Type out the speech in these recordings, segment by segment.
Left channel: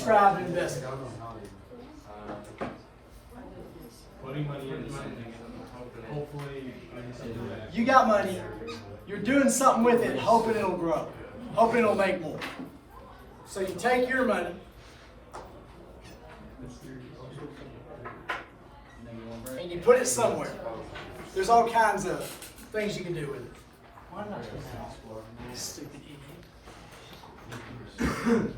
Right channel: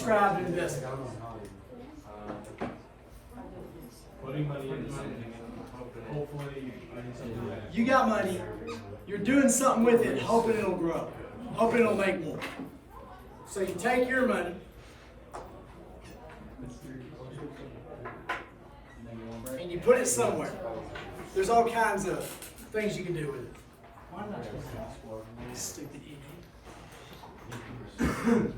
describe an investment? You got money, you're doing something with it, hoping it'll grow, hoping it'll make more. So you take your money, and you put it somewhere. There's all kinds of things you can do with it. Stupid idiot.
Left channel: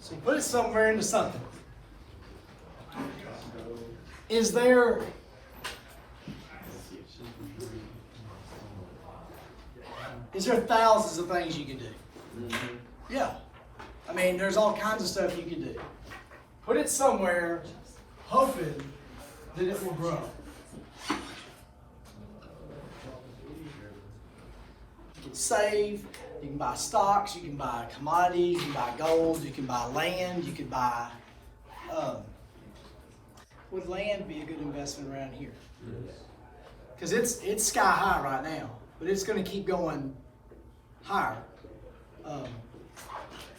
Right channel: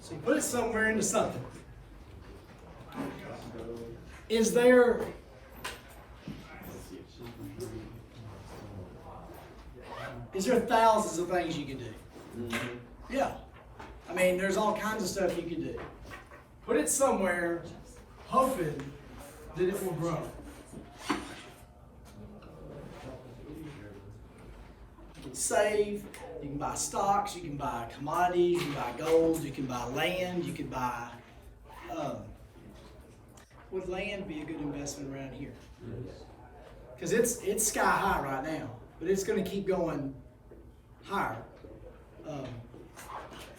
So you put it somewhere into something. Is there thousands of things you could do? Yeah. I mean, there's all kinds of stuff you can do. Put it somewhere, hoping that it will grow. You can save, you can buy stocks, you can buy commodities, you can buy gold, you can buy land, you can buy, would land be a good investment around here? Because it's sky high right now, but it's going to keep going higher.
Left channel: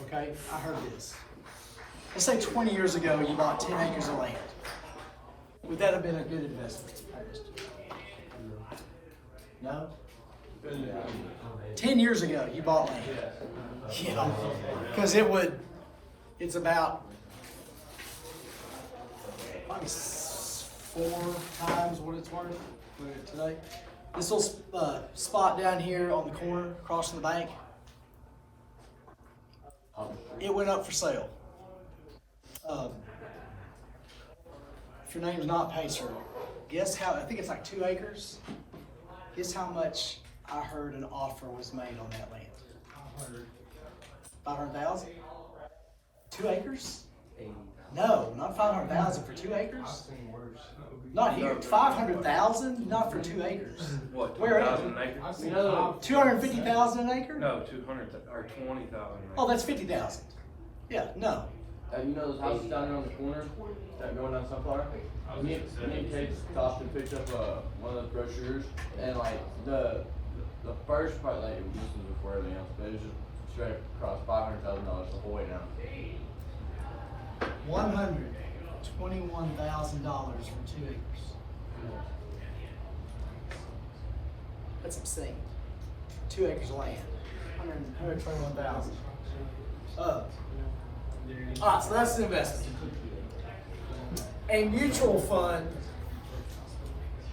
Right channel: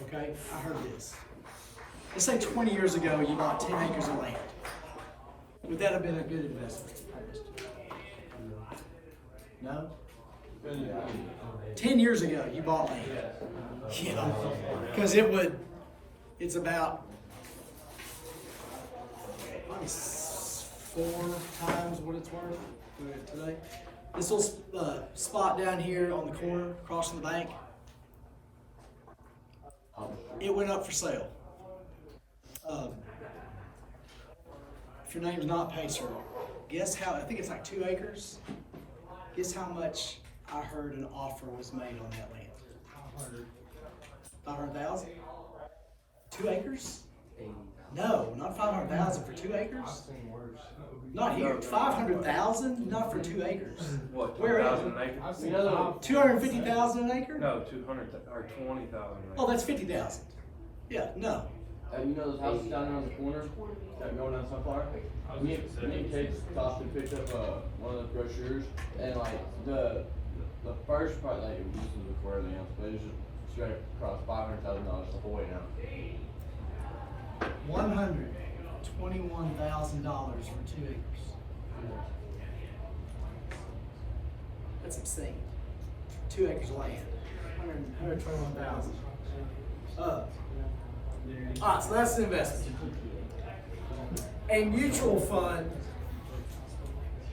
Okay, I heard this. Let's say 20 years ago you bought 10 acres of land. Would that have been a good investment? No? 10 years ago you bought land. Yeah, because it's about probably 4 times what it's worth today. This little spot down here on the corner across from the bank, it went up for sale. If your name's not Pacer, guess how, I think it's like 2 acres. Guess how much I heard an offer was made on that land? 500,000? 2 acres? No, not 500,000 for 2 acres. Not here. 500,000, not for 2 acres. What? Where at? 250,000 an acre? No, 200 or 20,000. Oh, that's 50,000. Yeah, no. You know those houses down there on the corner that go down Sunflower? Me and Kate stopped and picked up one of those brochures, and like the first part, like this was before everything else, but it was just straight across $500,000 the whole way down. $121,000 for 2 acres. That's obscene. 2 acres of land. 121,000. Alright, so that's the investment. A mutual fund.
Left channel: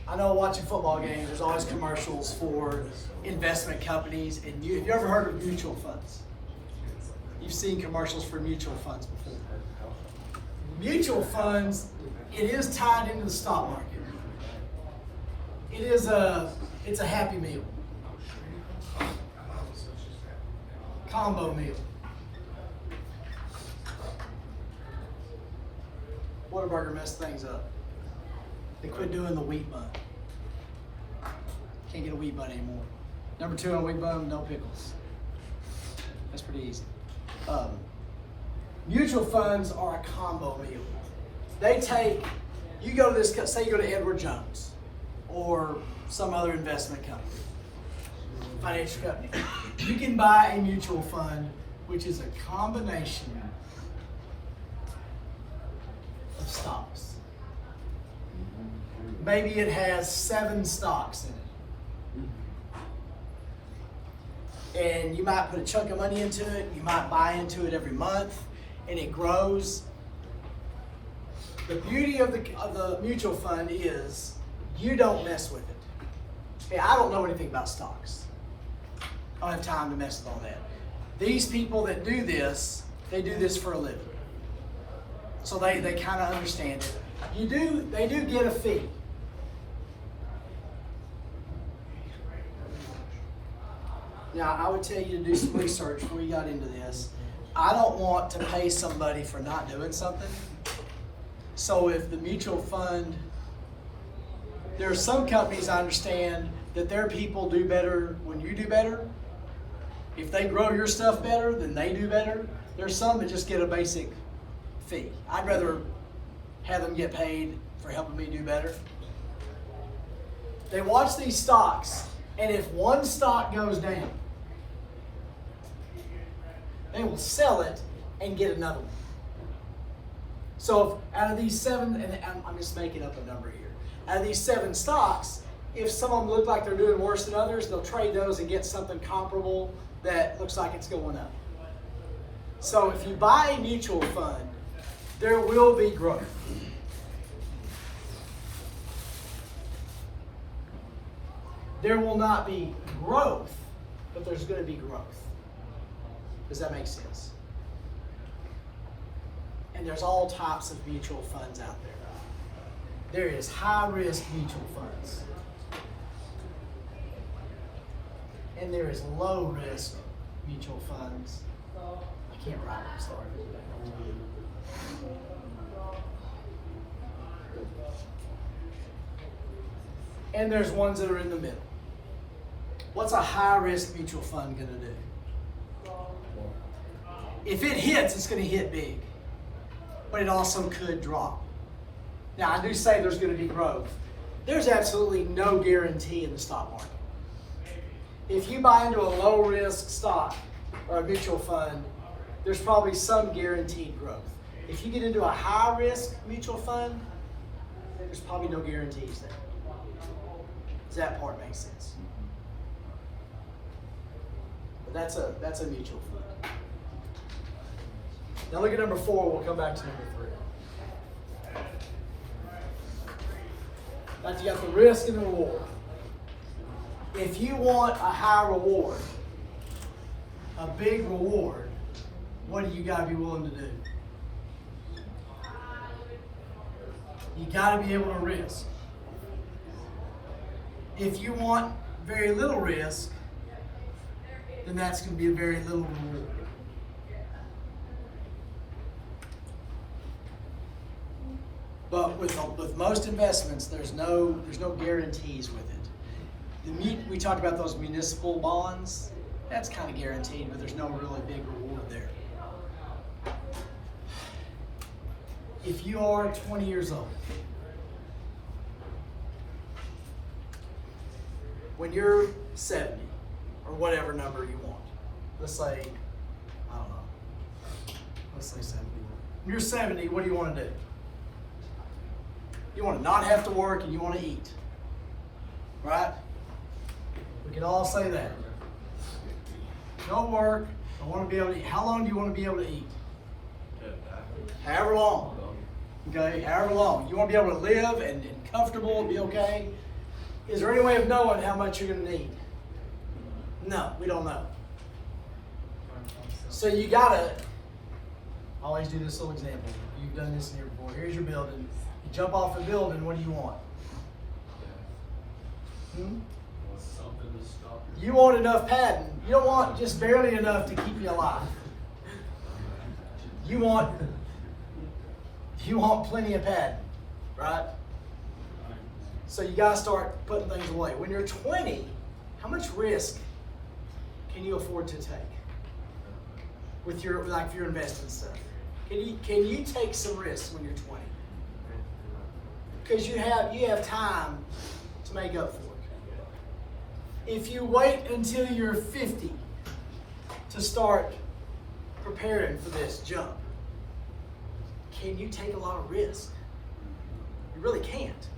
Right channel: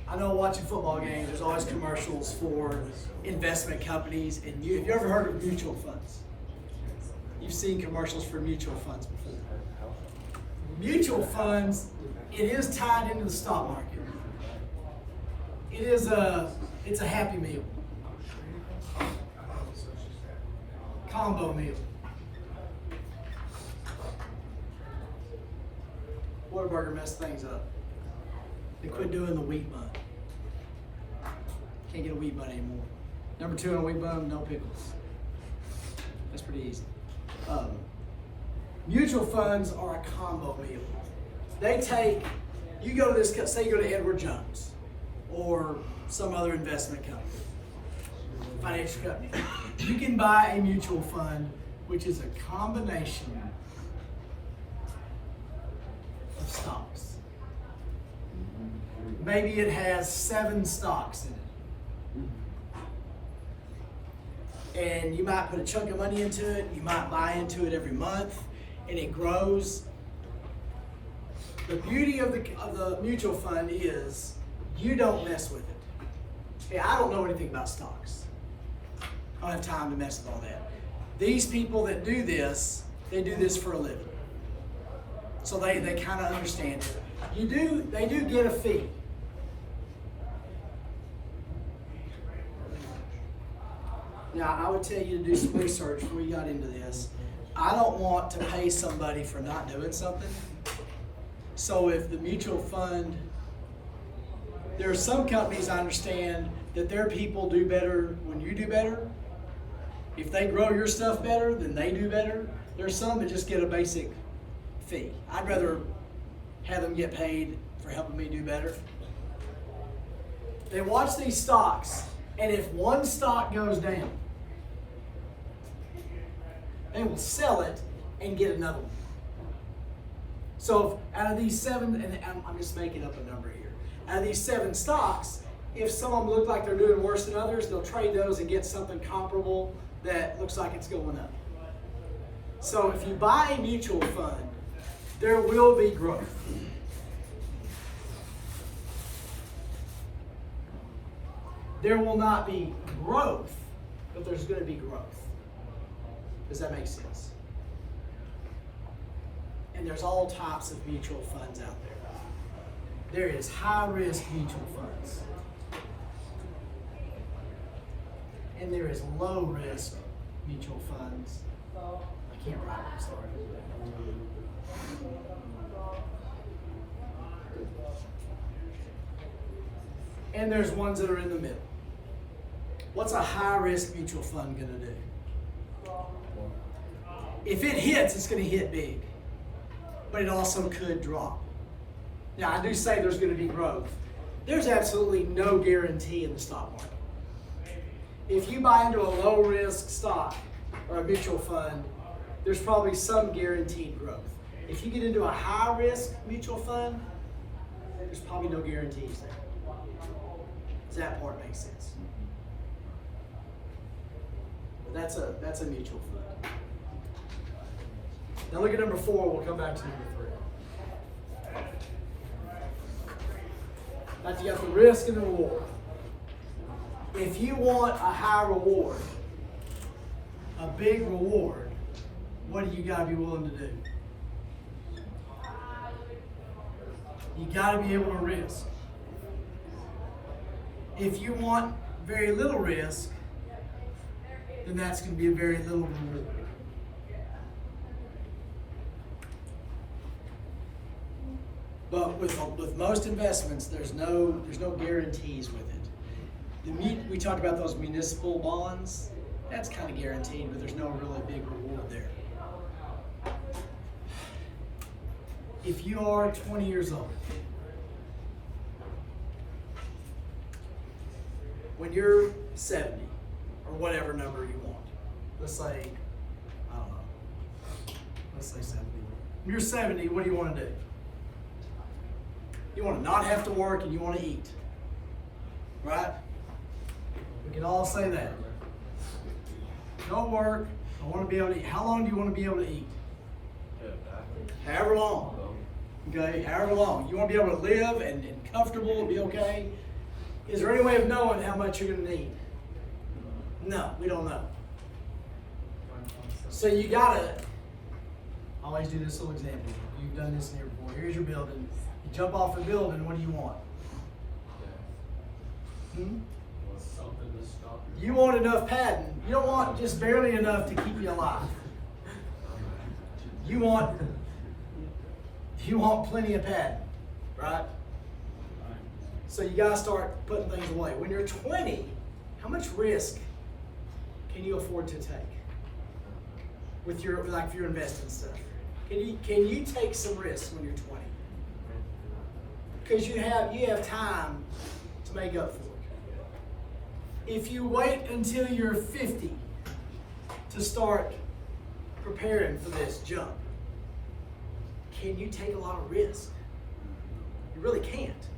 I know watching football games, there's always commercials for investment companies. And have you ever heard of mutual funds? You've seen commercials for mutual funds before. Mutual funds, it is tied into the stock market. It's a happy meal. Combo meal. Whataburger messed things up. They quit doing the wheat bun. Can't get a wheat bun anymore. Number 2 on wheat bun, no pickles. That's pretty easy. Mutual funds are a combo meal. They take, you go to this, say you go to Edward Jones or some other investment company, financial company. You can buy a mutual fund, which is a combination of stocks. Maybe it has 7 stocks in it. And you might put a chunk of money into it, you might buy into it every month, and it grows. The beauty of the mutual fund is you don't mess with it. Okay, I don't know anything about stocks. I don't have time to mess with all that. These people that do this, they do this for a living. So they kind of understand it. They do get a fee. Now, I would tell you to do some research before you got into this. I don't want to pay somebody for not doing something. So if the mutual fund, there are some companies I understand that their people do better when you do better. If they grow your stuff better, then they do better. There's some that just get a basic fee. I'd rather have them get paid for helping me do better. They watch these stocks And if one stock goes down, they will sell it and get another one. So if out of these 7, and I'm just making up a number here, out of these 7 stocks, if some of them look like they're doing worse than others, they'll trade those and get something comparable that looks like it's going up. So if you buy a mutual fund, there will be growth. There will not be growth, but there's going to be growth. Does that make sense? And there's all types of mutual funds out there. There is high-risk mutual funds. And there is low-risk mutual funds. I can't write, I'm sorry. And there's ones that are in the middle. What's a high-risk mutual fund going to do? If it hits, it's going to hit big. But it also could drop. Now, I do say there's going to be growth. There's absolutely no guarantee in the stock market. If you buy into a low-risk stock or a mutual fund, there's probably some guaranteed growth. If you get into a high-risk mutual fund, there's probably no guarantees there. Does that part make sense? But that's a mutual fund. Now look at number 4, we'll come back to number 3. Now you got the risk and the reward. If you want a high reward, a big reward, what do you got to be willing to do? You got to be able to risk. If you want very little risk, then that's going to be a very little reward. But with most investments, there's no guarantees with it. We talked about those municipal bonds. That's kind of guaranteed, but there's no really big reward there. If you are 20 years old, when you're 70, or whatever number you want, let's say, I don't know, let's say 70. When you're 70, what do you want to do? You want to not have to work and you want to eat, right? We can all say that. Don't work, I want to be able to eat. How long do you want to be able to eat? However long. Okay, however long. You want to be able to live and comfortable and be okay. Is there any way of knowing how much you're going to need? No, we don't know. So you gotta always do this little example. You've done this in here before. Here's your building. You jump off a building, what do you want? You want enough padding. You don't want just barely enough to keep you alive. You want plenty of padding, right? So you gotta start putting things away. When you're 20, how much risk can you afford to take with your if you're investing stuff? Can you take some risks when you're 20? Because you have time to make up for it. If you wait until you're 50 to start preparing for this jump, can you take a lot of risk? You really can't.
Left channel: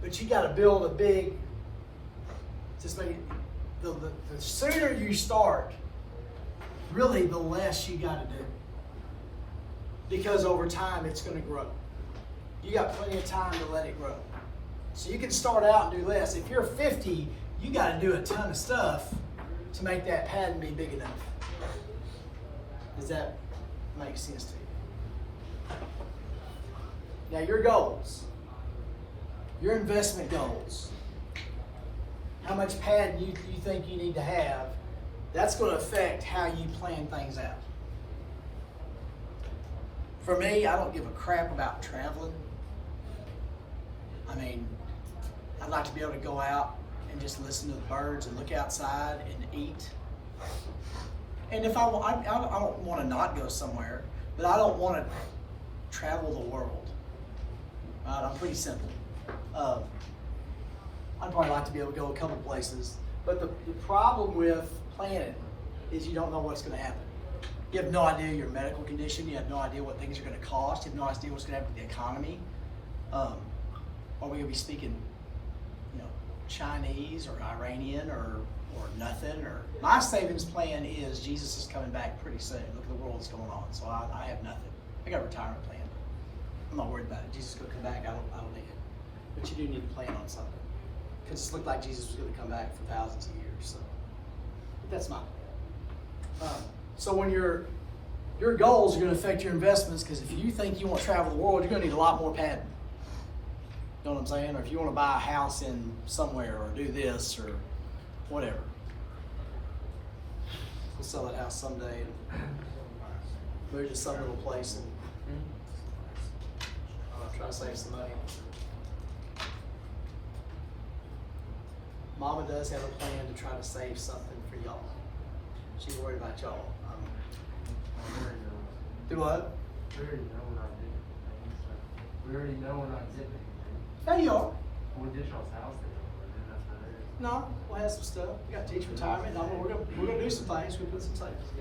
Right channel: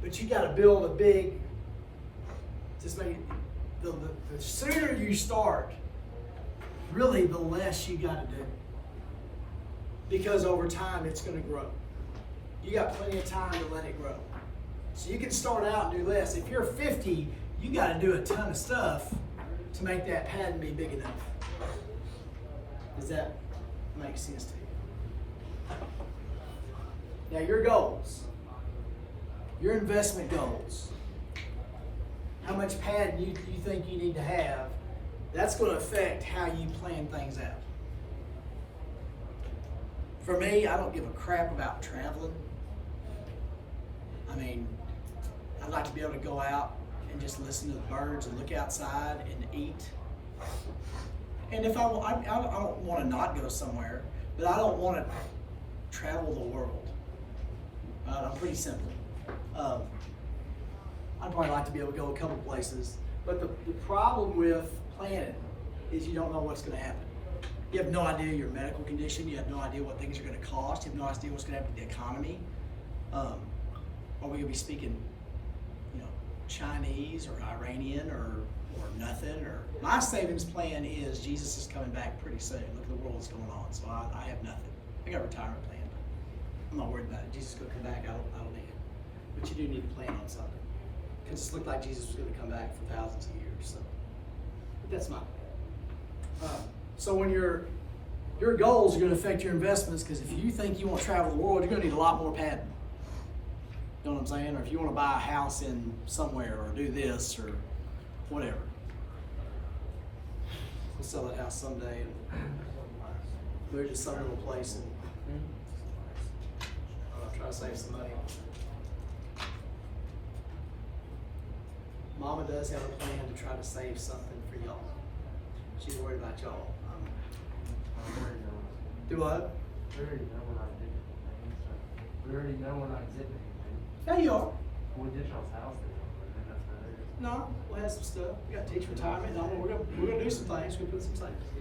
But you got to build a big. Just make the sooner you start, really, the less you got to do. Because over time, it's going to grow. You got plenty of time to let it grow. So you can start out and do less. If you're 50, you got to do a ton of stuff to make that pattern be big enough. Does that make sense to you? Now your goals, your investment goals, how much pad you think you need to have, that's going to affect how you plan things out. For me, I don't give a crap about traveling. I mean, I'd like to be able to go out and just listen to the birds and look outside and eat. And if I don't want to not go somewhere, but I don't want to travel the world. I'm pretty simple. I'd probably like to be able to go a couple places. But the problem with planning is you don't know what's gonna happen. You have no idea your medical condition, you have no idea what things are gonna cost, you have no idea what's gonna happen to the economy. Are we gonna be speaking, Chinese or Iranian or nothing? Or my savings plan is Jesus is coming back pretty soon. Look at the world that's going on. So I have nothing. I got a retirement plan. I'm not worried about it. Jesus is gonna come back, I don't need it. But you do need to plan on something. Because it looked like Jesus was gonna come back for thousands of years. So but that's my plan. So when your goals are gonna affect your investments, because if you think you want to travel the world, you're gonna need a lot more padding. You know what I'm saying? Or if you want to buy a house in somewhere or do this or whatever. We'll sell that house someday and move to some little place and try to save some money. Mama does have a plan to try to save something for y'all. She's worried about y'all. Do what? We already know what I did. We already know what I did. There you are. An additional house. No, we'll have some stuff. We got teacher retirement. No, we're gonna do some things. We'll put some things.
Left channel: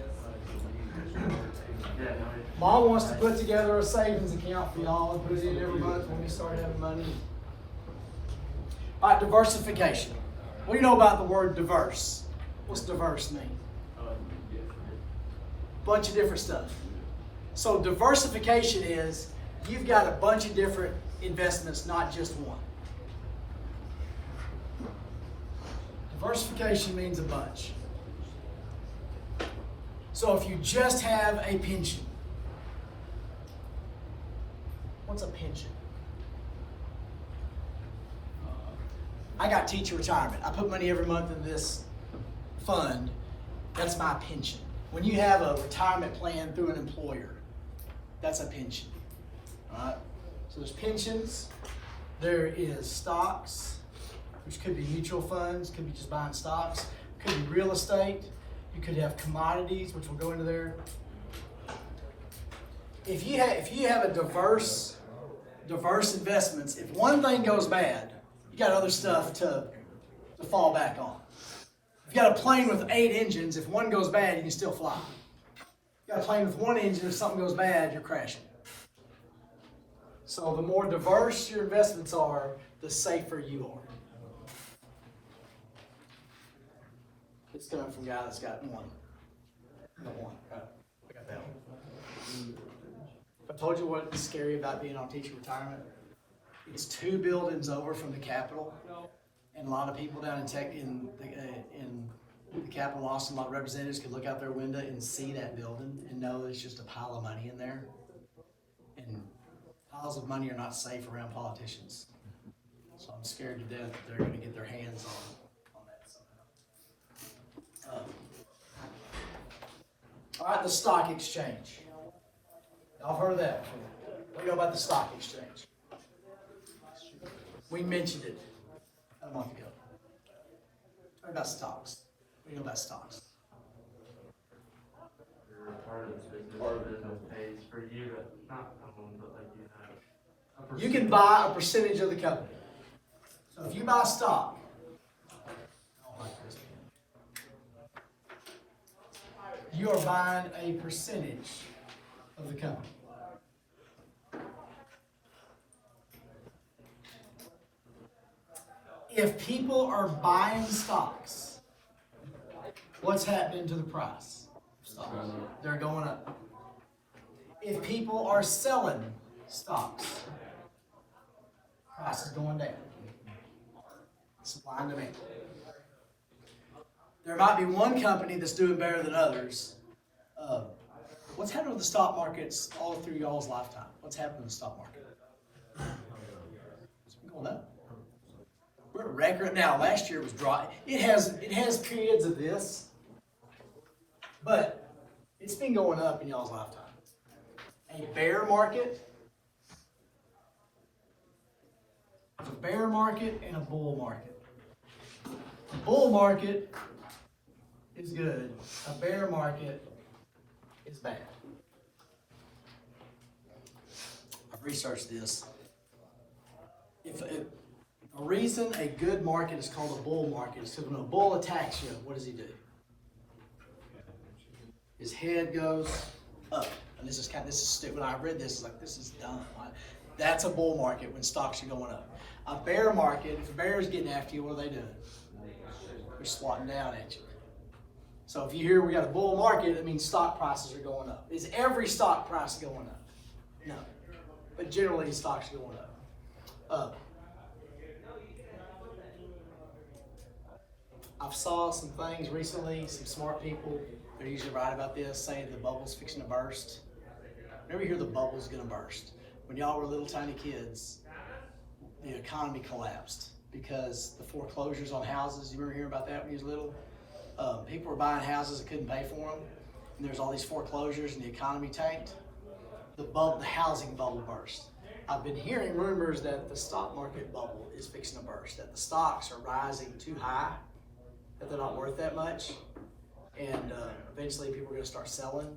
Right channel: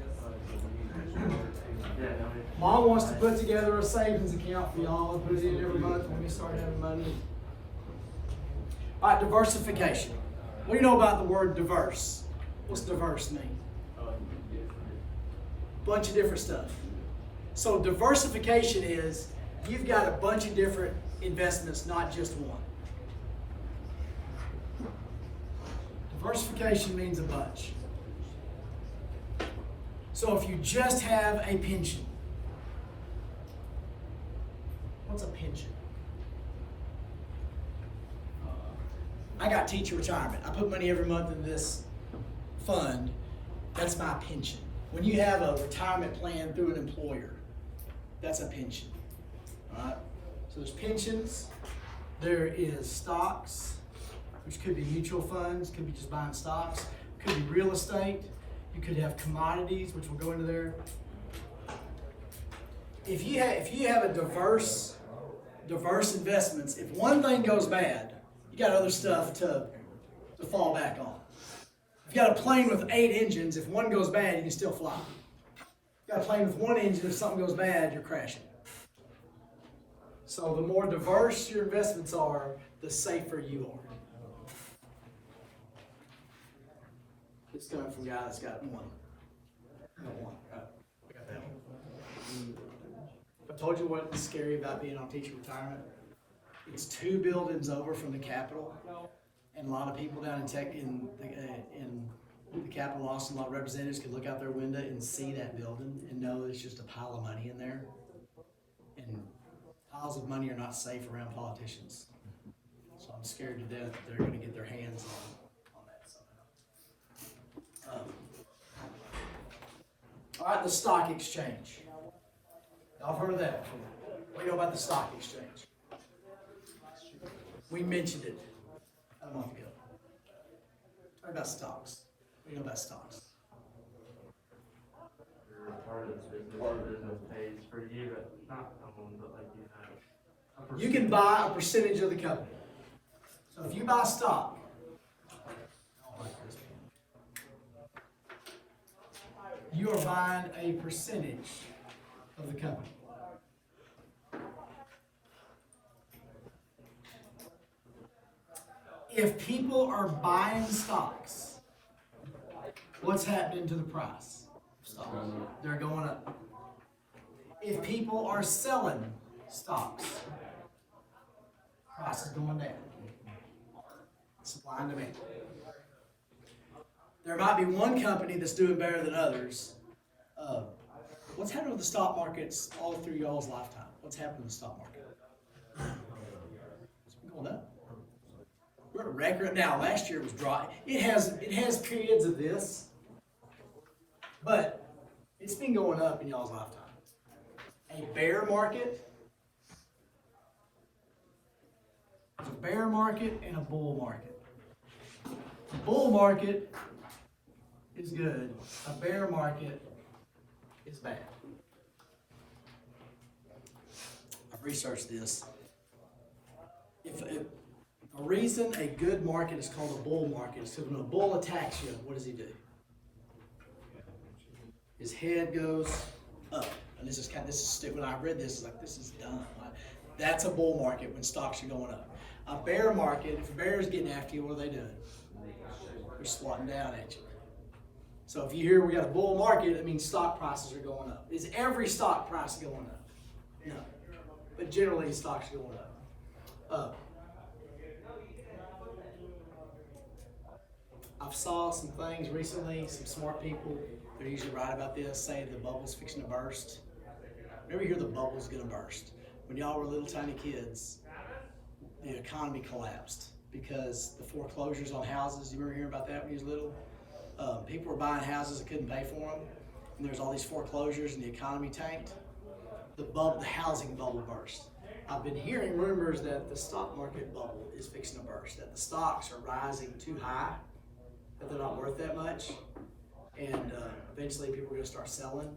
Yeah. Mom wants to put together a savings account for y'all and put it in every month when we start having money. All right, diversification. What do you know about the word diverse? What's diverse mean? Bunch of different stuff. So diversification is you've got a bunch of different investments, not just one. Diversification means a bunch. So if you just have a pension, what's a pension? I got teacher retirement. I put money every month in this fund. That's my pension. When you have a retirement plan through an employer, that's a pension. All right? So there's pensions. There is stocks, which could be mutual funds, could be just buying stocks, could be real estate. You could have commodities, which will go into there. If you have a diverse investments, if one thing goes bad, you got other stuff to fall back on. If you got a plane with 8 engines, if one goes bad, you can still fly. You got a plane with 1 engine, if something goes bad, you're crashing. So the more diverse your investments are, the safer you are. It's coming from a guy that's got one. No one. We got that one. I told you what's scary about being on teacher retirement. It's 2 buildings over from the Capitol, and a lot of people down in the Capitol in Austin, a lot of representatives can look out their window and see that building and know it's just a pile of money in there. And piles of money are not safe around politicians. So I'm scared to death that they're going to get their hands on that somehow. All right, the stock exchange. Y'all heard of that before. What do you know about the stock exchange? We mentioned it a month ago. Talk about stocks. What do you know about stocks? Part of it pays for you, but not like You can buy a percentage of the company. So if you buy stock, I don't like this pen. You are buying a percentage of the company. If people are buying stocks, what's happening to the price of stocks? They're going up. If people are selling stocks, price is going down. Supply and demand. There might be one company that's doing better than others. What's happening with the stock markets all through y'all's lifetime? What's happening with the stock market? It's been going up. We're at record now. Last year was dry. It has periods of this, but it's been going up in y'all's lifetime. A bear market. There's a bear market and a bull market. A bull market is good. A bear market is bad. I've researched this. If The reason a good market is called a bull market is because when a bull attacks you, what does he do? His head goes up. And this is stupid. When I read this, it's like, this is dumb. That's a bull market when stocks are going up. A bear market, if a bear is getting after you, what are they doing? They're swatting down at you. So if you hear we got a bull market, it means stock prices are going up. Is every stock price going up? No. But generally, stocks are going up. I've saw some things recently, some smart people, they're usually right about this, saying the bubble's fixing to burst. Whenever you hear the bubble's gonna burst, when y'all were little tiny kids, the economy collapsed because the foreclosures on houses, you remember hearing about that when you was little? People were buying houses that couldn't pay for them, and there's all these foreclosures and the economy tanked. The housing bubble burst. I've been hearing rumors that the stock market bubble is fixing to burst, that the stocks are rising too high, that they're not worth that much, and eventually people are going to start selling,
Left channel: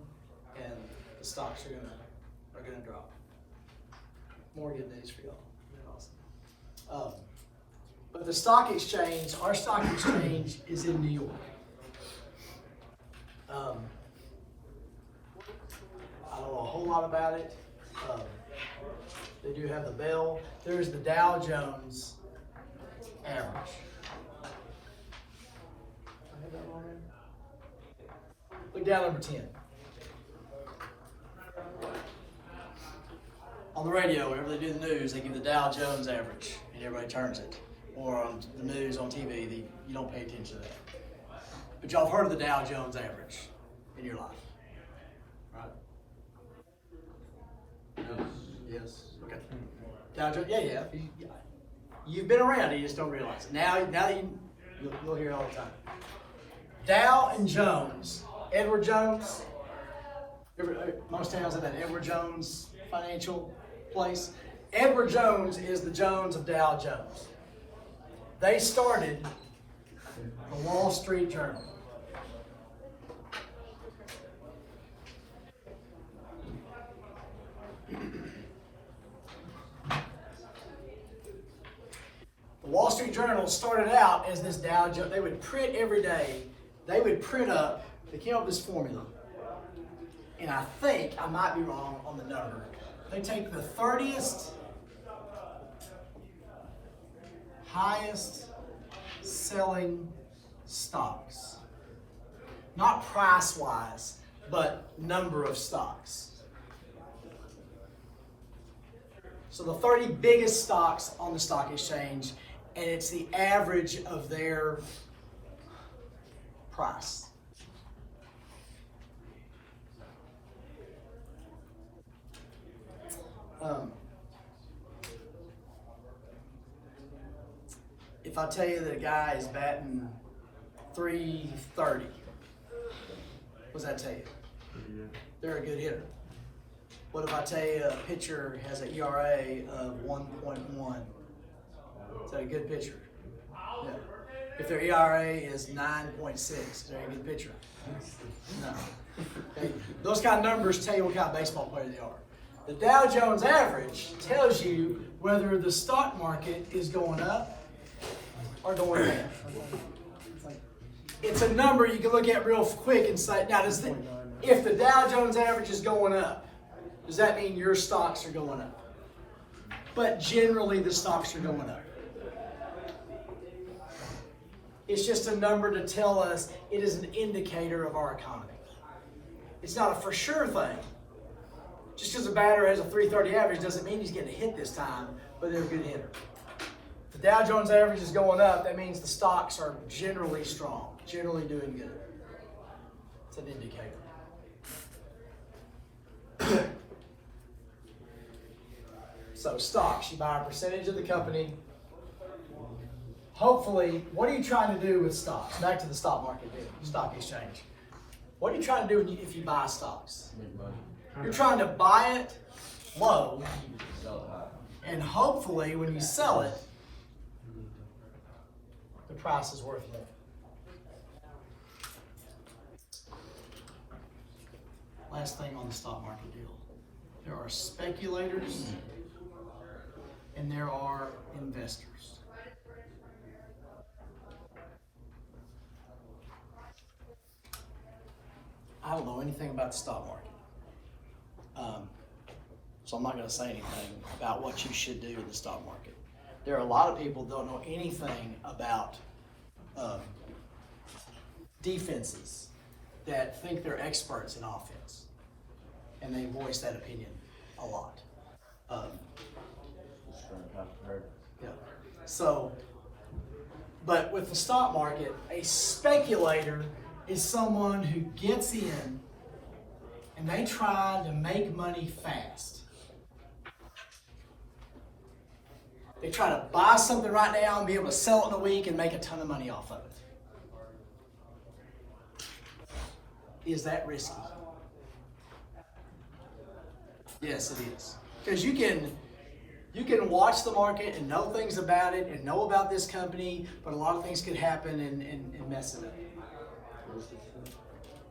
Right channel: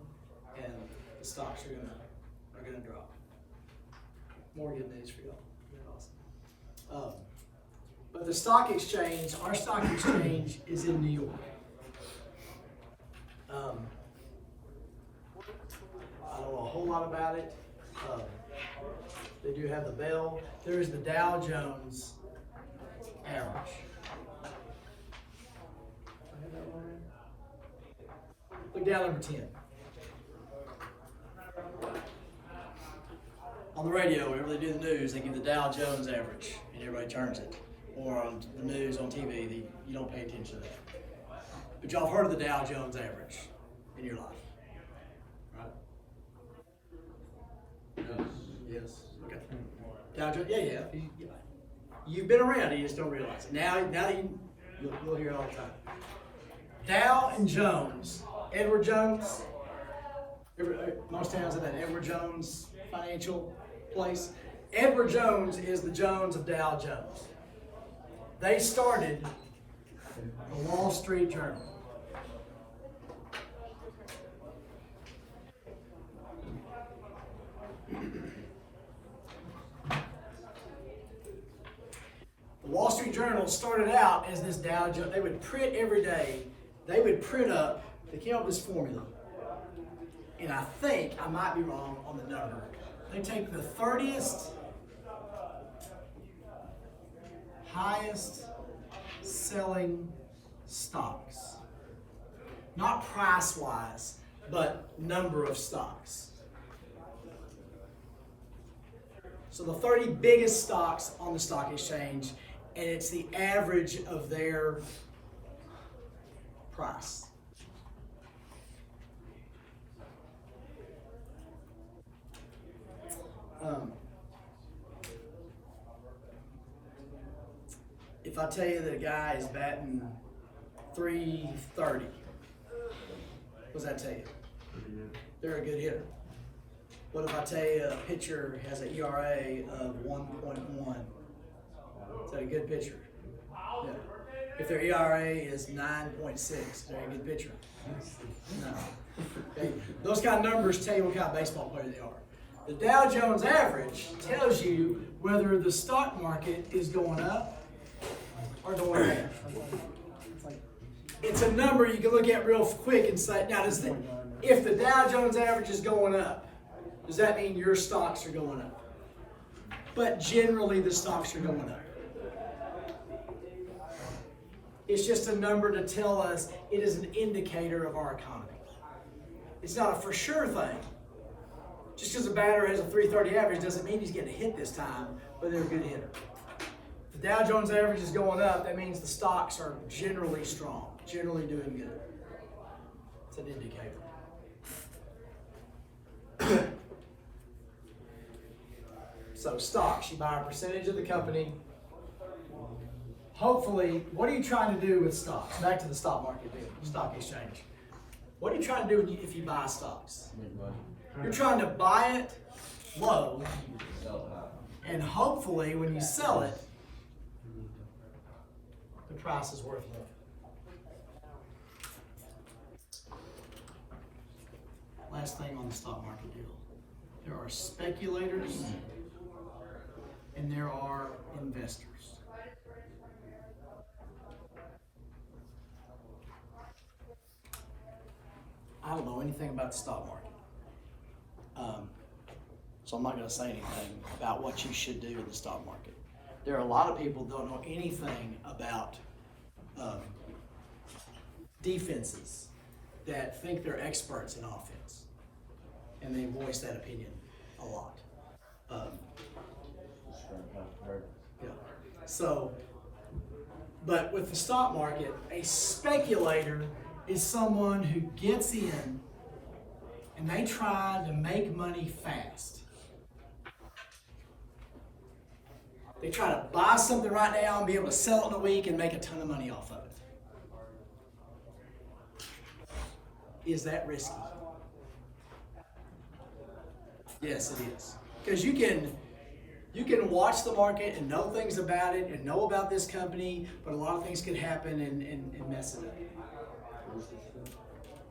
and the stocks are going to drop. More good news for y'all. That's awesome. But the stock exchange, our stock exchange is in New York. I don't know a whole lot about it. They do have the bell. There's the Dow Jones average. I have that on there. Look down number 10. On the radio, whenever they do the news, they give the Dow Jones average, and everybody turns it. Or on the news on TV, you don't pay attention to that. But y'all have heard of the Dow Jones average in your life, right? Yes. Okay. Dow Jones, yeah. You've been around, you just don't realize it. Now you'll hear it all the time. Dow and Jones, Edward Jones. Most towns have that Edward Jones financial place. Edward Jones is the Jones of Dow Jones. They started the Wall Street Journal. The Wall Street Journal started out as this Dow Jones. They would print every day. They would print up, they came up with this formula. And I think, I might be wrong on the number. They take the 30th highest selling stocks. Not price-wise, but number of stocks. So the 30 biggest stocks on the stock exchange, and it's the average of their price. If I tell you that a guy is batting .330, what does that tell you? They're a good hitter. What if I tell you a pitcher has an ERA of 1.1? Is that a good pitcher? Yeah. If their ERA is 9.6, is that a good pitcher? No. Okay. Those kind of numbers tell you what kind of baseball player they are. The Dow Jones average tells you whether the stock market is going up or going down. It's a number you can look at real quick and say, now if the Dow Jones average is going up, does that mean your stocks are going up? But generally the stocks are going up. It's just a number to tell us it is an indicator of our economy. It's not a for sure thing. Just because a batter has a .330 average doesn't mean he's getting a hit this time, but they're a good hitter. If the Dow Jones average is going up, that means the stocks are generally strong, generally doing good. It's an indicator. So stocks, you buy a percentage of the company. Hopefully, what are you trying to do with stocks? Back to the stock market deal, stock exchange. What are you trying to do if you buy stocks? You're trying to buy it low, and hopefully when you sell it, the price is worth more. Last thing on the stock market deal. There are speculators and there are investors. I don't know anything about the stock market. So I'm not gonna say anything about what you should do in the stock market. There are a lot of people who don't know anything about defenses that think they're experts in offense, and they voice that opinion a lot. Yeah. So, but with the stock market, a speculator is someone who gets in and they try to make money fast. They try to buy something right now and be able to sell it in a week and make a ton of money off of it. Is that risky? Yes, it is. Because you can watch the market and know things about it and know about this company, but a lot of things could happen and mess it up.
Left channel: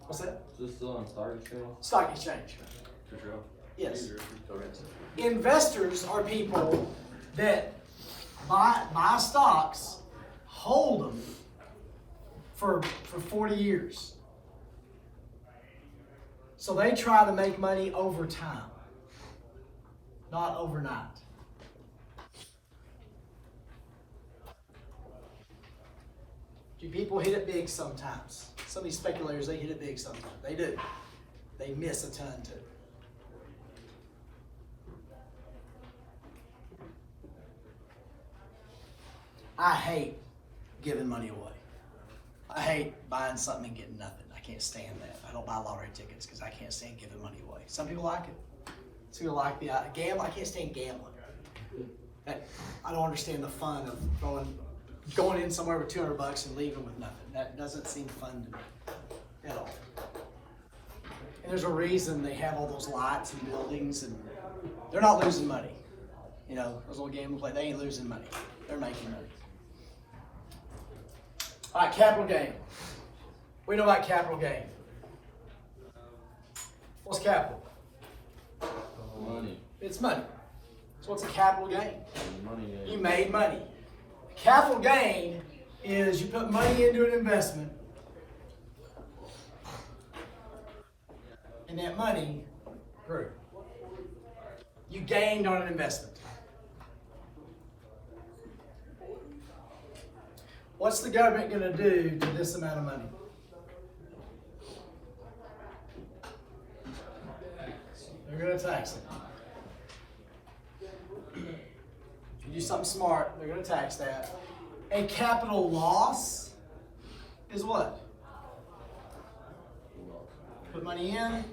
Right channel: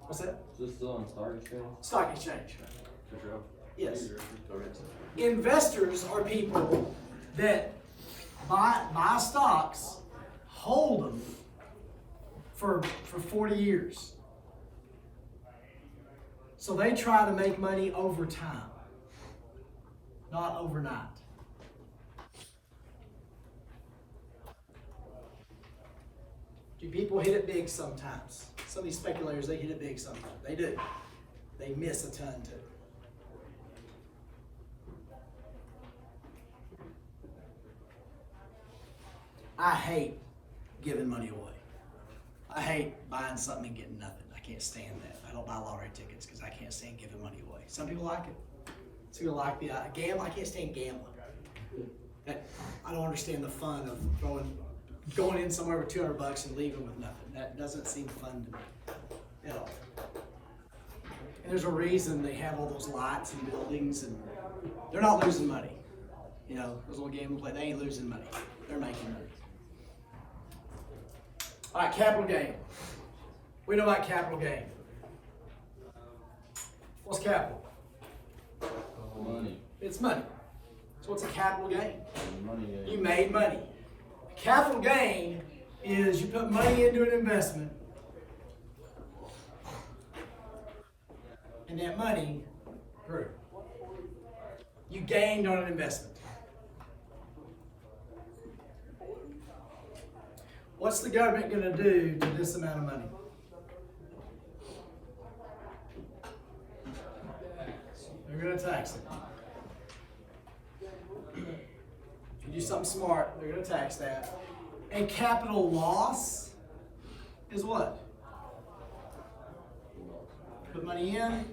What's that? Is this still on stock exchange? Stock exchange. Yes. Investors are people that buy stocks, hold them for 40 years. So they try to make money over time, not overnight. Do people hit it big sometimes? Some of these speculators, they hit it big sometimes. They do. They miss a ton too. I hate giving money away. I hate buying something and getting nothing. I can't stand that. I don't buy lottery tickets because I can't stand giving money away. Some people like it. Some people like the gamble. I can't stand gambling. I don't understand the fun of going in somewhere with $200 and leaving with nothing. That doesn't seem fun to me at all. And there's a reason they have all those lights and buildings, and they're not losing money. You know, those little gambling play, they ain't losing money. They're making money. All right, capital gain. We know about capital gain. What's capital? Money. It's money. So what's a capital gain? Money. You made money. Capital gain is you put money into an investment, and that money grew. You gained on an investment. What's the government going to do to this amount of money? They're going to tax it. If you do something smart, they're going to tax that. A capital loss is what? Put money in and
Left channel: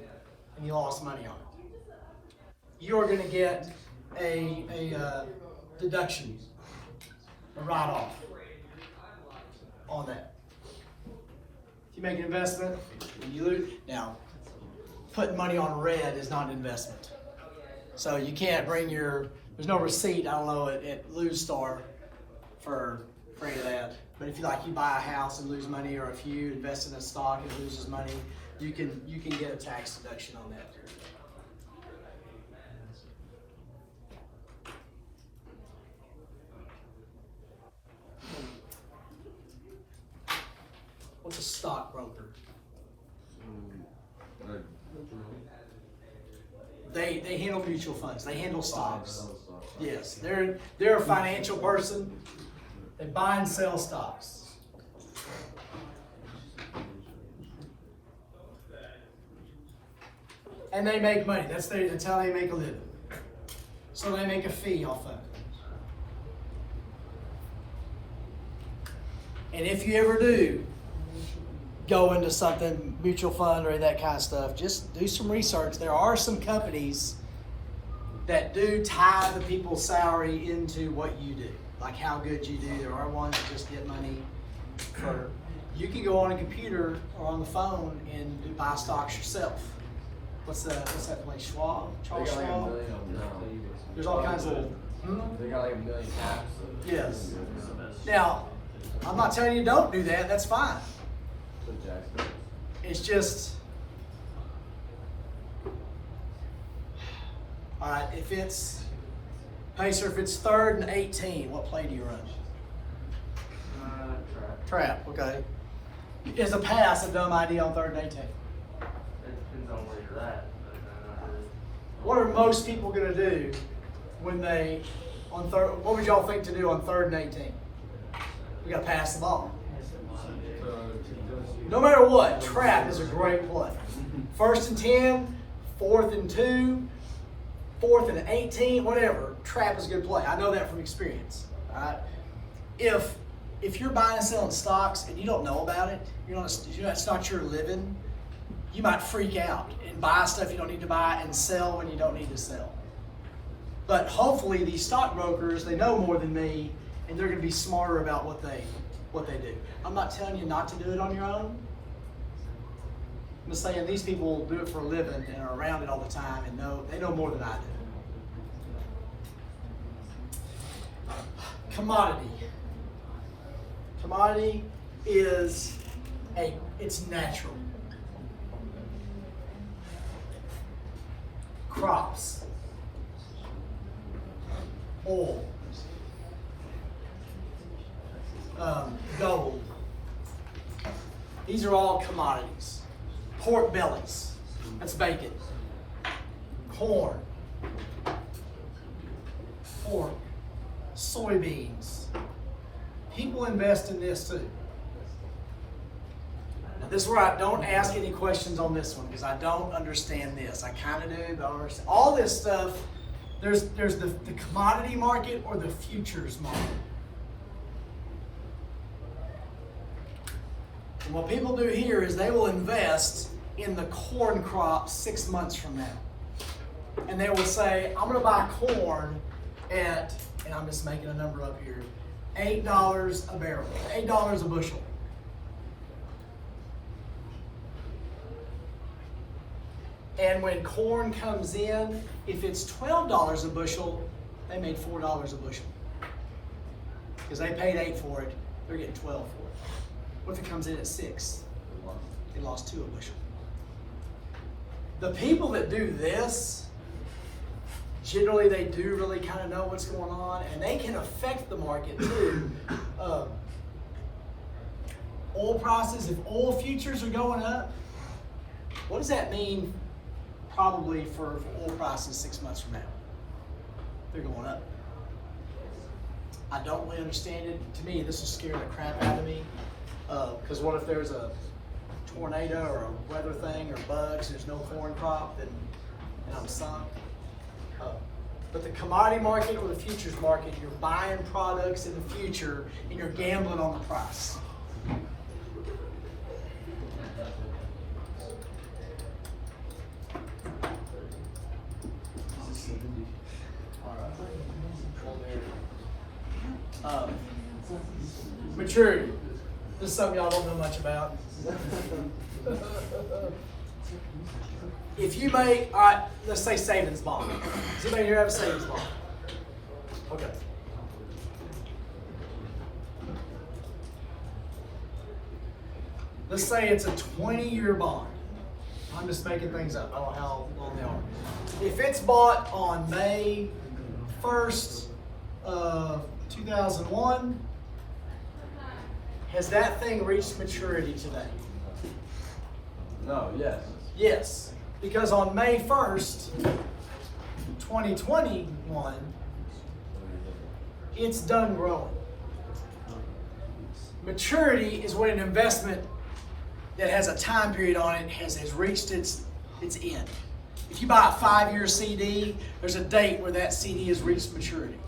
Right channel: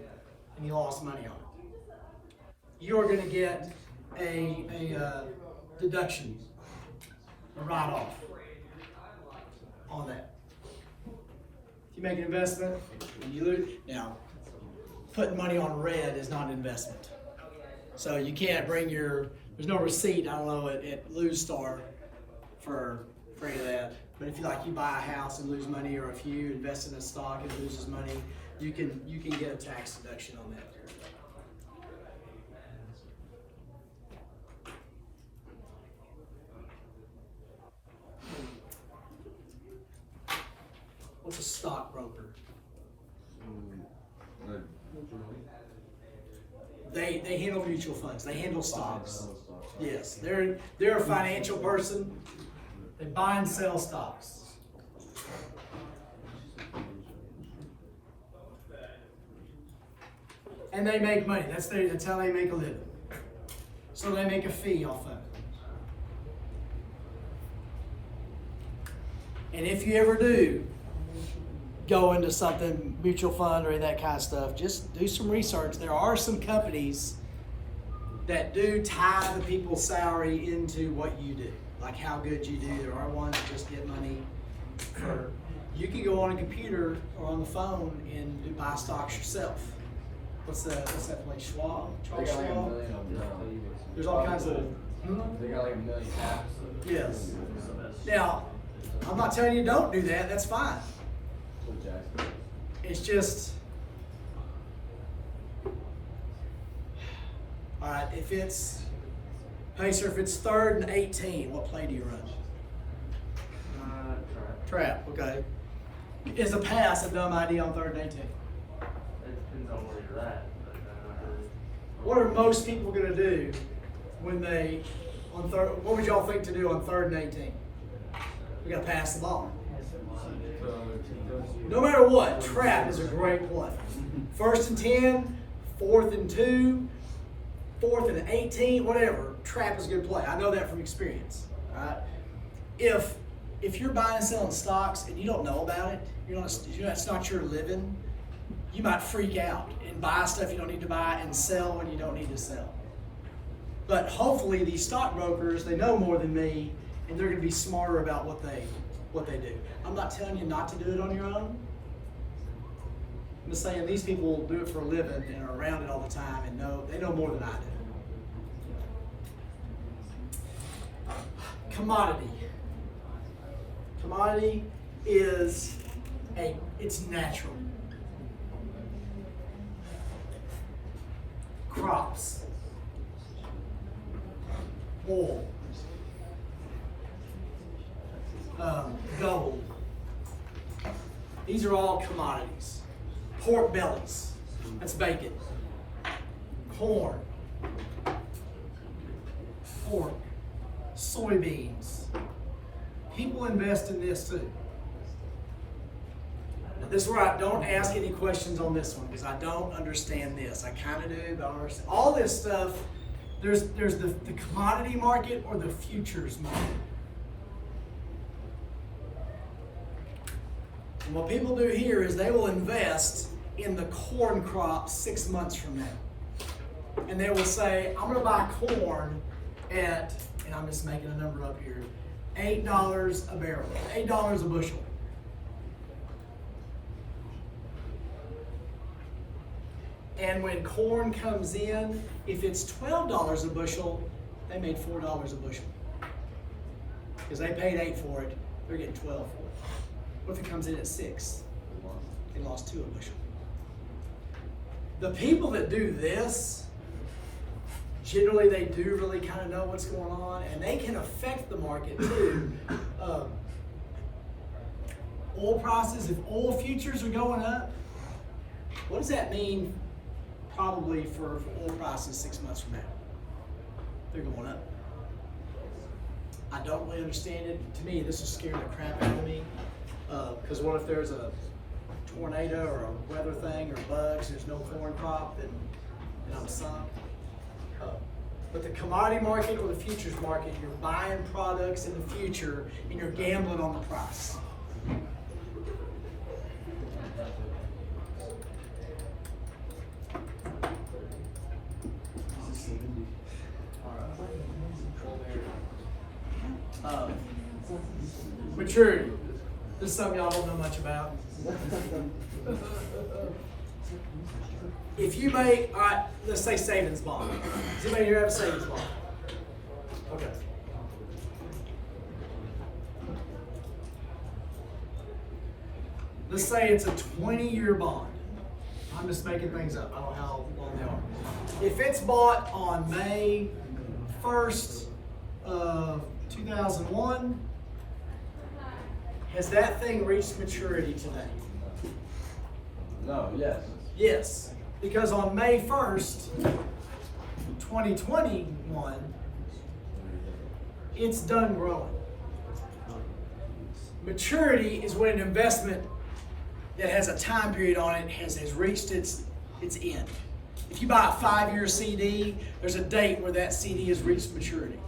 you lost money on it. You're going to get a deduction, a write-off on that. If you make an investment and you lose, now putting money on red is not an investment. So you can't bring there's no receipt, I don't know, at Lose Star for any of that. But if you buy a house and lose money, or if you invest in a stock and it loses money, you can get a tax deduction on that. What's a stockbroker? They handle mutual funds. They handle stocks. Yes, they're a financial person. They buy and sell stocks. And they make money. That's how they make a living. So they make a fee off of it. And if you ever do go into something, mutual fund or that kind of stuff, just do some research. There are some companies that do tie the people's salary into what you do, like how good you do. There are ones that just get money for, you can go on a computer or on the phone and buy stocks yourself. What's that place, Schwab? Charles Schwab? There's all kinds of, They got like a million apps. yes. Now, I'm not telling you don't do that, that's fine. It's just, all right, if it's 3rd and 18, what play do you run? Trap, okay. Is a pass a dumb idea on 3rd and 18? depends on where you're at. What are most people gonna do when they, on third, what would y'all think to do on 3rd and 18? We gotta pass the ball. No matter what, trap is a great play. 1st and 10, 4th and 2, 4th and 18, whatever, trap is a good play. I know that from experience. All right? If you're buying and selling stocks and you don't know about it, it's not your living, you might freak out and buy stuff you don't need to buy and sell when you don't need to sell. But hopefully these stockbrokers, they know more than me, and they're going to be smarter about what they do. I'm not telling you not to do it on your own. I'm just saying these people do it for a living and are around it all the time and they know more than I do. Commodity. Commodity is it's natural. Crops. Oil. Gold. These are all commodities. Pork bellies. That's bacon. Corn. Pork. Soybeans. People invest in this too. Now this is where I don't ask any questions on this one because I don't understand this. I kind of do, but I don't understand. All this stuff, there's the commodity market or the futures market. And what people do here is they will invest in the corn crop 6 months from now. And they will say, I'm going to buy corn at, and I'm just making a number up here, $8 a barrel, $8 a bushel. And when corn comes in, if it's $12 a bushel, they made $4 a bushel. Because they paid 8 for it, they're getting 12 for it. What if it comes in at 6? They lost 2 a bushel. The people that do this, generally they do really kind of know what's going on, and they can affect the market too. Oil prices, if oil futures are going up, what does that mean probably for oil prices 6 months from now? They're going up. I don't really understand it. To me, this is scaring the crap out of me. Because what if there's a tornado or a weather thing or bugs, there's no corn crop, and I'm sunk? But the commodity market or the futures market, you're buying products in the future and you're gambling on the price. Maturity. This is something y'all don't know much about. If you make, all right, let's say savings bond. Does anybody here have a savings bond? Okay. Let's say it's a 20-year bond. I'm just making things up. I don't know how long they are. If it's bought on May 1st of 2001, has that thing reached maturity today? No, yes. Yes, because on May 1st, 2021, it's done growing. Maturity is when an investment that has a time period on it has reached its end. If you buy a 5-year CD, there's a date where that CD has reached maturity.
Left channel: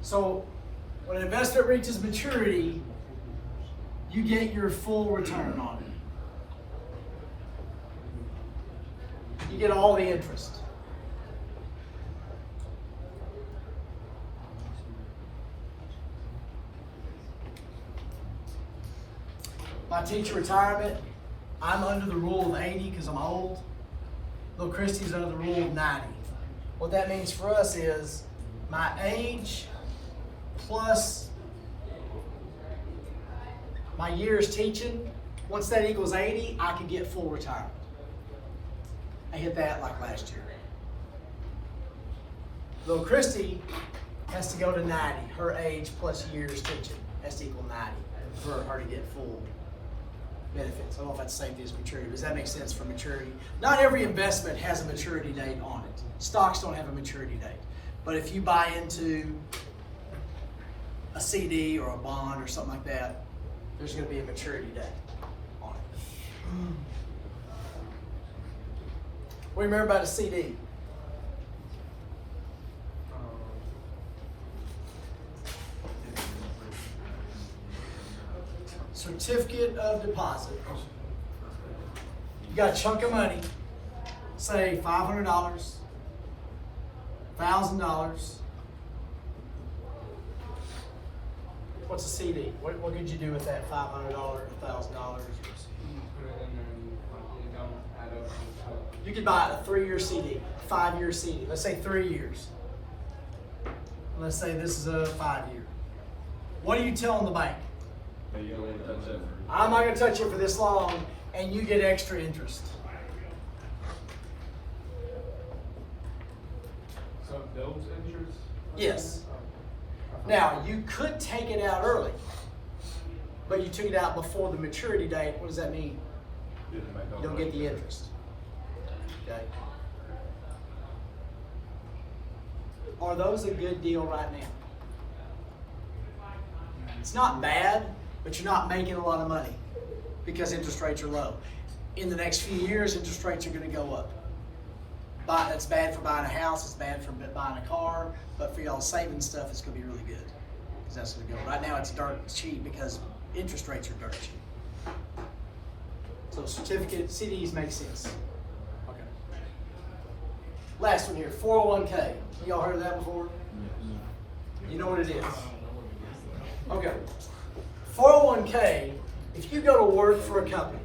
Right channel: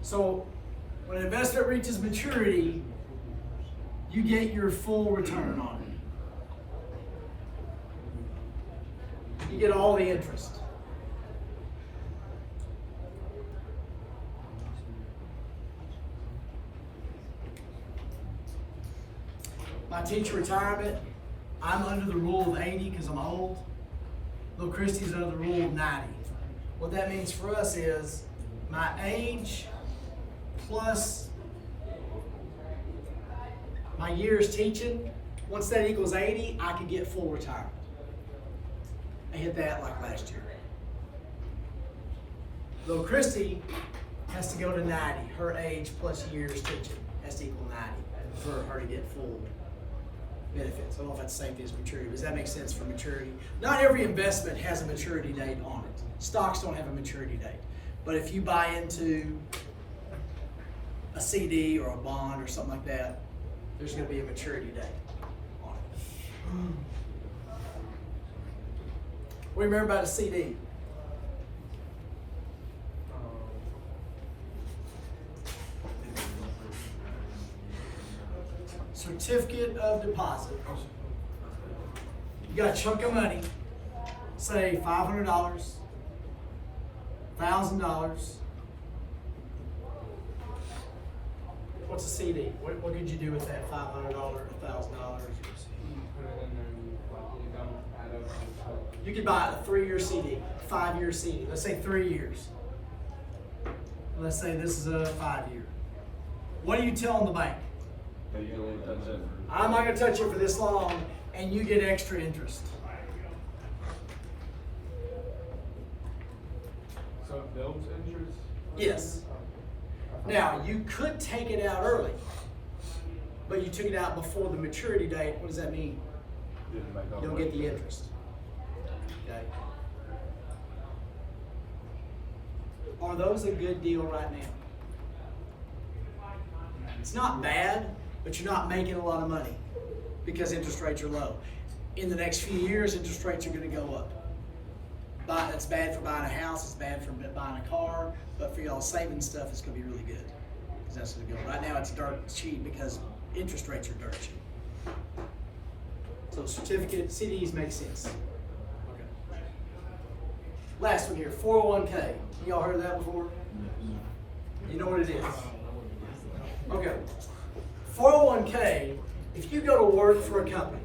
So when an investment reaches maturity, you get your full return on it. You get all the interest. My teacher retirement, I'm under the rule of 80 because I'm old. Little Christy's under the rule of 90. What that means for us is my age plus my years teaching, once that equals 80, I can get full retirement. I hit that like last year. Little Christy has to go to 90. Her age plus years teaching has to equal 90 for her to get full benefits. I don't know if that's the same thing as maturity, but does that make sense for maturity? Not every investment has a maturity date on it. Stocks don't have a maturity date. But if you buy into a CD or a bond or something like that, there's going to be a maturity date on it. What do you remember about a CD? Certificate of deposit. You got a chunk of money, say $500, $1,000. What's a CD? What could you do with that $500, $1,000? You could buy a 3-year CD, a 5-year CD. Let's say 3 years. Let's say this is a 5-year. What are you telling the bank? I'm not going to touch it for this long, and you get extra interest. So those interest? Yes. Now, you could take it out early, but you took it out before the maturity date. What does that mean? You don't get the interest. Okay. Are those a good deal right now? It's not bad, but you're not making a lot of money because interest rates are low. In the next few years, interest rates are going to go up. That's bad for buying a house, it's bad for buying a car, but for y'all saving stuff, it's going to be really good. Because that's going to go. Right now, it's dirt cheap because interest rates are dirt cheap. So certificate, CDs make sense. Okay. Last one here, 401k. Y'all heard of that before? You know what it is? Okay. 401k, if you go to work for a company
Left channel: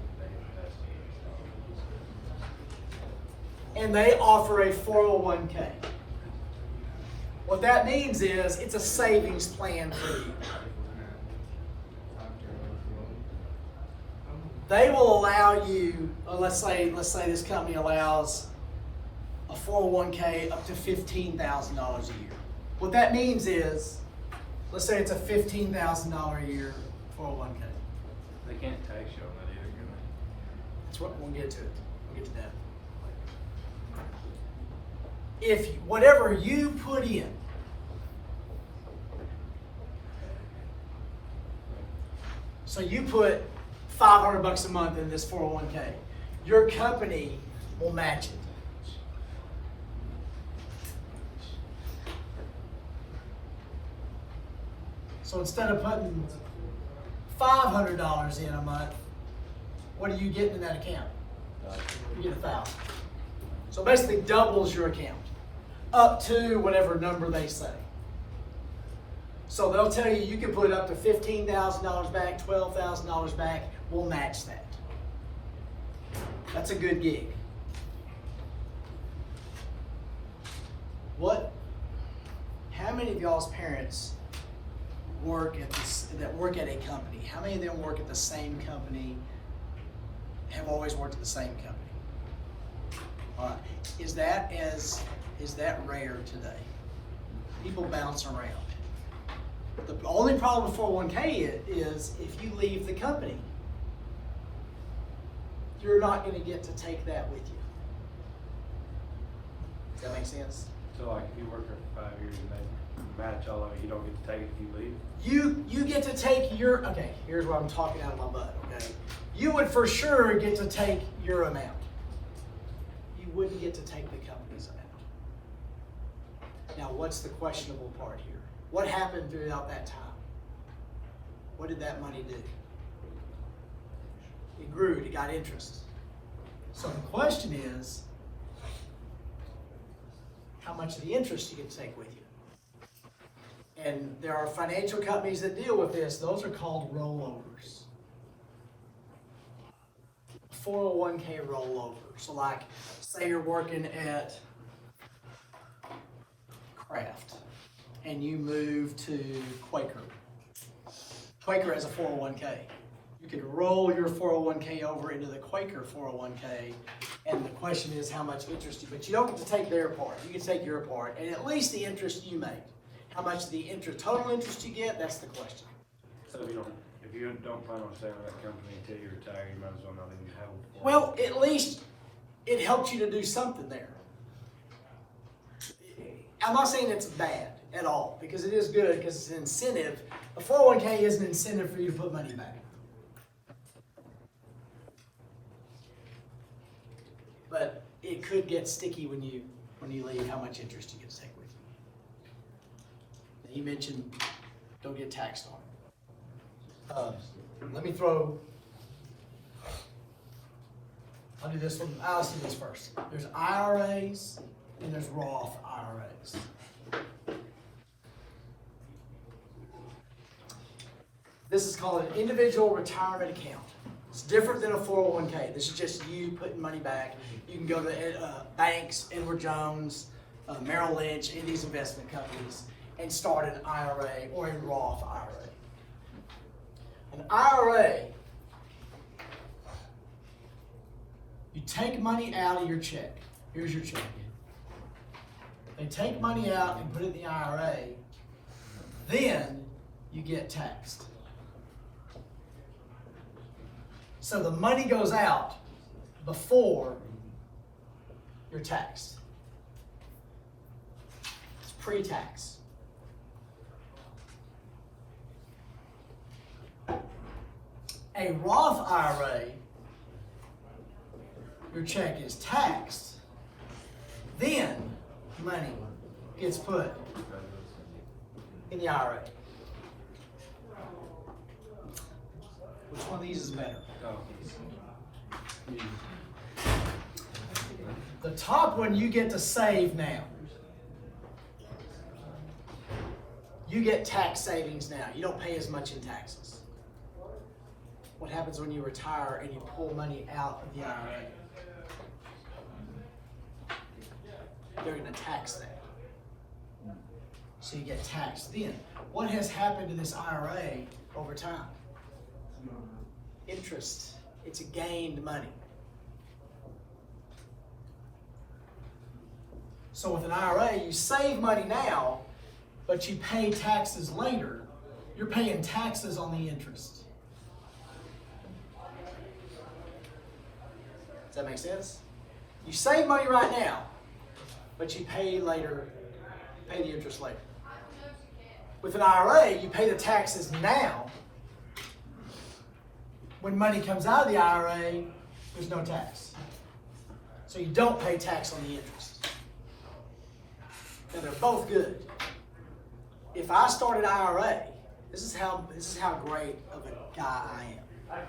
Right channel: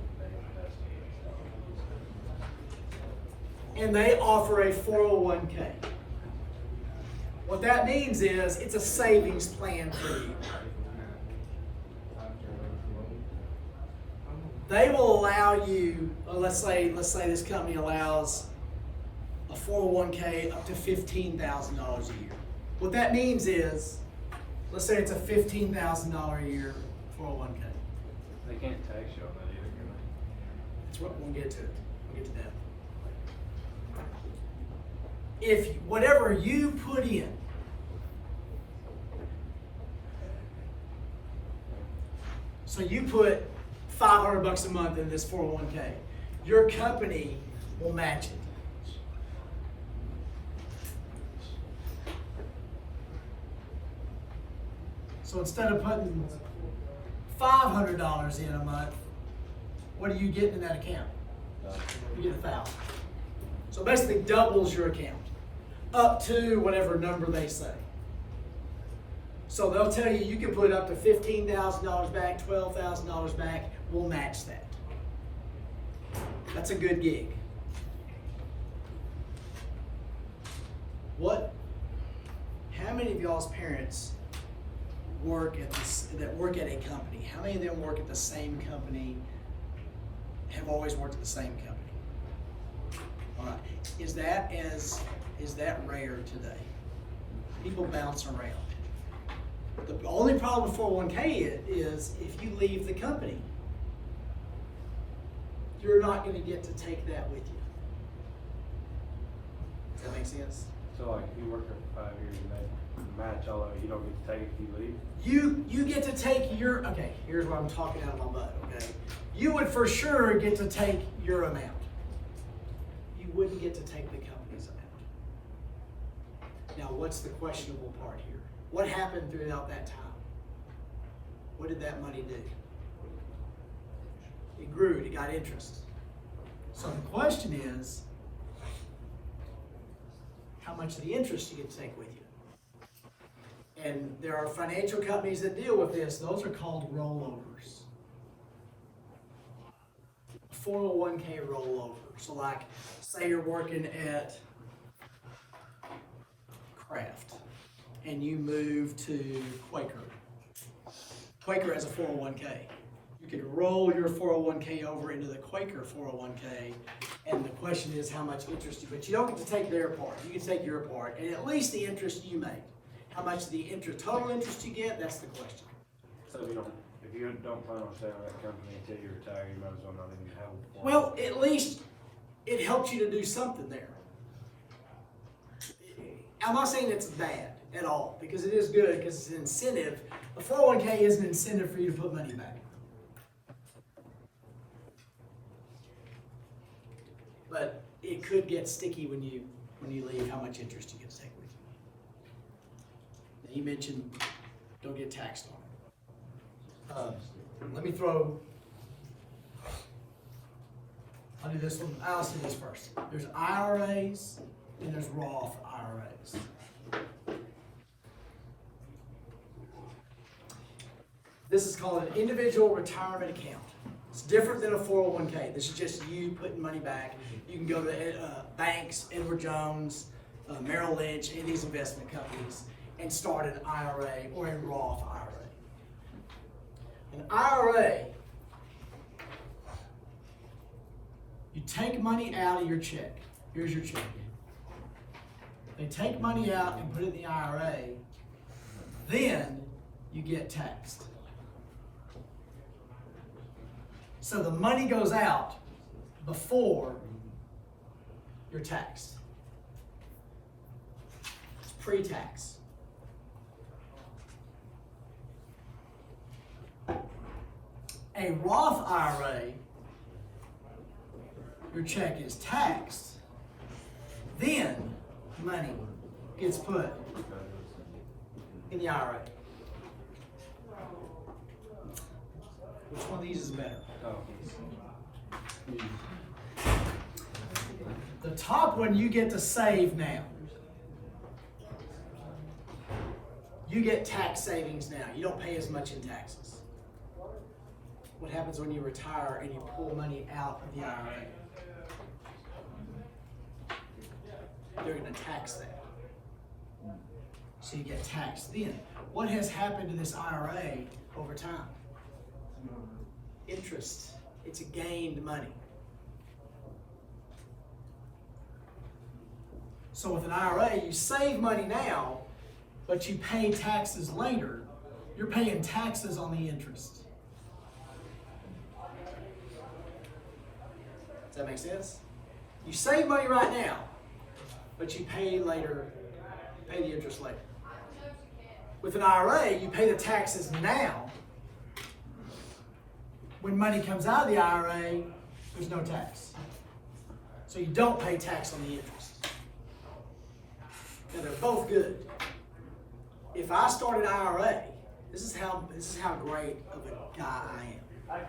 and they offer a 401k, what that means is it's a savings plan for you. They will allow you, let's say this company allows a 401k up to $15,000 a year. What that means is, let's say it's a $15,000 a year 401k. They can't tax you on it either. That's what we'll get to it. We'll get to that later. If whatever you put in, so you put $500 a month in this 401k, your company will match it. So instead of putting $500 in a month, what are you getting in that account? You get $1,000. So basically doubles your account up to whatever number they say. So they'll tell you you can put up to $15,000 back, $12,000 back. We'll match that. That's a good gig. How many of y'all's parents work at a company? How many of them work at the same company? Have always worked at the same company? All right. Is that rare today? People bounce around. The only problem with 401k is if you leave the company, you're not going to get to take that with you. Does that make sense? So like if you work there for 5 years and then match all of it, you don't get to take it if you leave? You get to take your, okay, here's what I'm talking out of my butt, okay? You would for sure get to take your amount. You wouldn't get to take the company's amount. Now, what's the questionable part here? What happened throughout that time? What did that money do? It grew, it got interest. So the question is, how much of the interest you get to take with you? And there are financial companies that deal with this. Those are called rollovers. 401k rollover. So like, say you're working at Kraft and you move to Quaker. Quaker has a 401k. You could roll your 401k over into the Quaker 401k, and the question is how much interest you, but you don't get to take their part. You can take your part, and at least the interest you made. How much the interest, total interest you get, that's the question. So if you don't plan on selling that company until you retire, you might as well not even have it. Well, at least it helps you to do something there. I'm not saying it's bad at all, because it is good, because it's an incentive. A 401k is an incentive for you to put money back. But it could get sticky when you leave, how much interest you get to take with you. And he mentioned don't get taxed on it. Let me throw. I'll do this one. I'll do this first. There's IRAs and there's Roth IRAs. This is called an individual retirement account. It's different than a 401k. This is just you putting money back. You can go to banks, Edward Jones, Merrill Lynch, any of these investment companies, and start an IRA or a Roth IRA. An IRA, you take money out of your check. Here's your check. They take money out and put it in the IRA, then you get taxed. So the money goes out before you're taxed. It's pre-tax. A Roth IRA, your check is taxed, then money gets put in the IRA. Which one of these is better? The top one you get to save now. You get tax savings now. You don't pay as much in taxes. What happens when you retire and you pull money out of the IRA? They're going to tax that. So you get taxed then. What has happened to this IRA over time? Interest. It's gained money. So with an IRA, you save money now, but you pay taxes later. You're paying taxes on the interest. Does that make sense? You save money right now, but you pay later, pay the interest later. With an IRA, you pay the taxes now. When money comes out of the IRA, there's no tax. So you don't pay tax on the interest. Now they're both good. If I start an IRA, this is how great of a guy I am.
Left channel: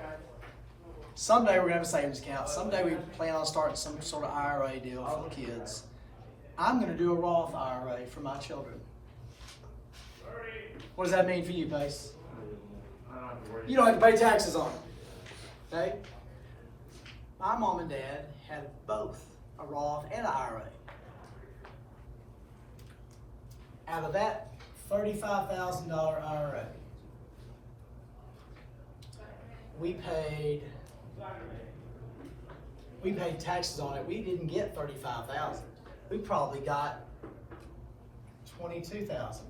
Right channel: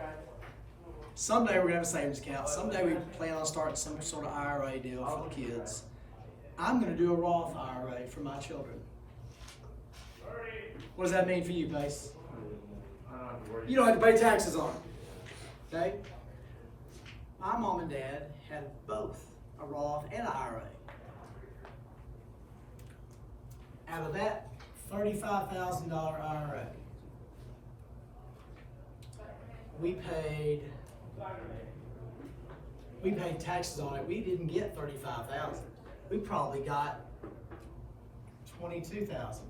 Someday we're going to have a savings account. Someday we plan on starting some sort of IRA deal for the kids. I'm going to do a Roth IRA for my children. What does that mean for you, Pace? You don't have to pay taxes on it. Okay? My mom and dad had both a Roth and an IRA. Out of that $35,000 IRA, we paid taxes on it. We didn't get $35,000. We probably got $22,000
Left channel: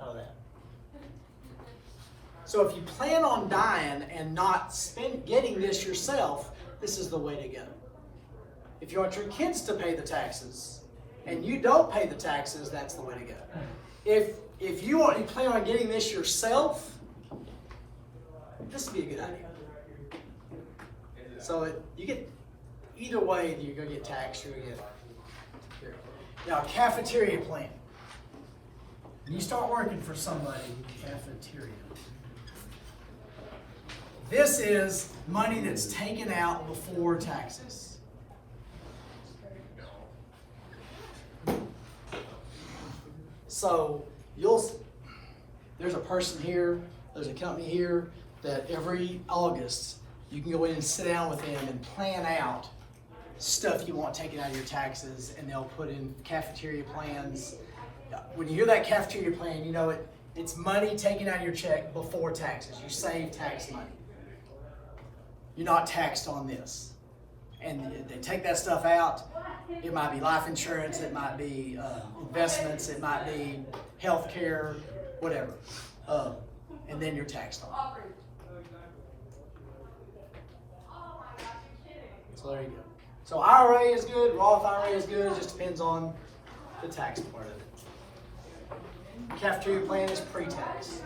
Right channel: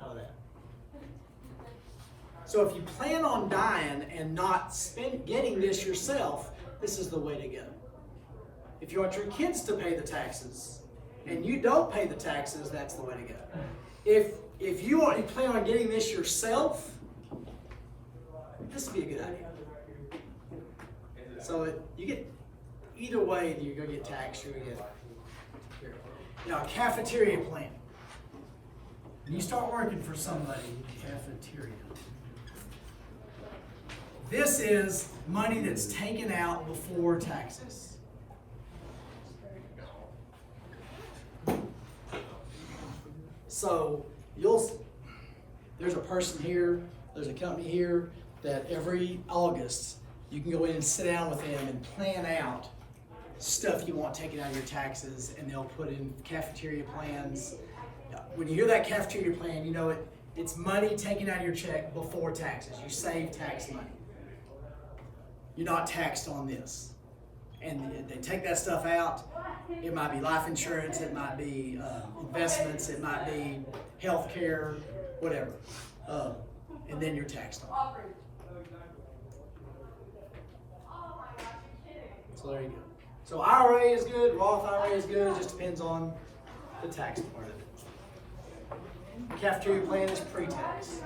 out of that. So if you plan on dying and not getting this yourself, this is the way to go. If you want your kids to pay the taxes and you don't pay the taxes, that's the way to go. If you plan on getting this yourself, this would be a good idea. So you get either way, you're going to get taxed. You're going to get here. Now, a cafeteria plan. When you start working for somebody, cafeteria. This is money that's taken out before taxes. So there's a person here, there's a company here that every August you can go in and sit down with them and plan out stuff you want taken out of your taxes, and they'll put in cafeteria plans. When you hear that cafeteria plan, you know it's money taken out of your check before taxes. You save tax money. You're not taxed on this. And they take that stuff out. It might be life insurance, it might be investments, it might be health care, whatever. and then you're taxed on it. So there you go. So IRA is good, Roth IRA is good, it just depends on the tax part of it. Cafeteria plan is pre-tax.